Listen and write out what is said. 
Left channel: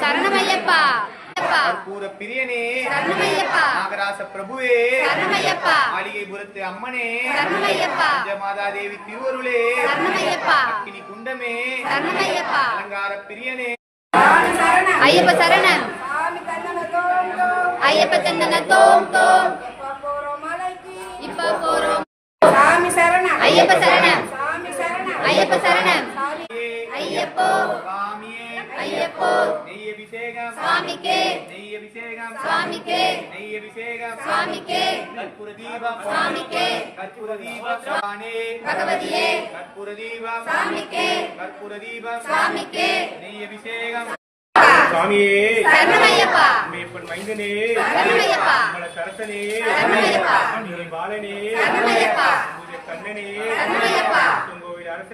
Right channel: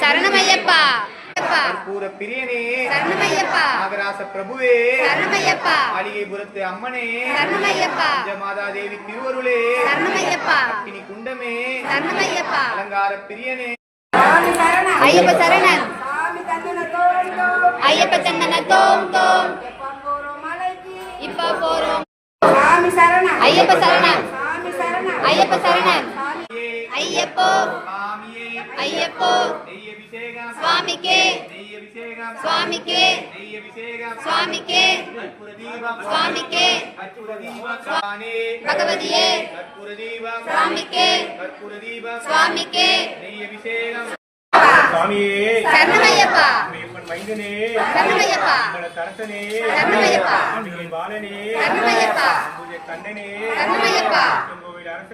சரணமையப்பா கற்பூர பிரியனே சரணமையப்பா நாகராச பிரபுவே சரணமையப்பா அடிகைபுரத்து அம்மனே சரணமையப்பா மாதா தேவி திருவருளே சரணமையப்பா இனி குண்டமே சரணமையப்பா அலங்கார பிரியனே ஐயப்ப சரணம் ஐயப்ப சந்தன தோம் தோம் இப்ப போறோம் ஐயப்ப சரணம் ஐயப்ப சரணம் ஐயப்போ ஐயப்போ சுவாமிக்கே சுவாமிக்கே சுவாமிக்கே சுவாமிக்கே பகவதியே சுவாமிக்கே சுவாமிக்கே சரணமையப்பா சரணமையப்பா சரணமையப்பா சரணமையப்பா சரணமையப்பா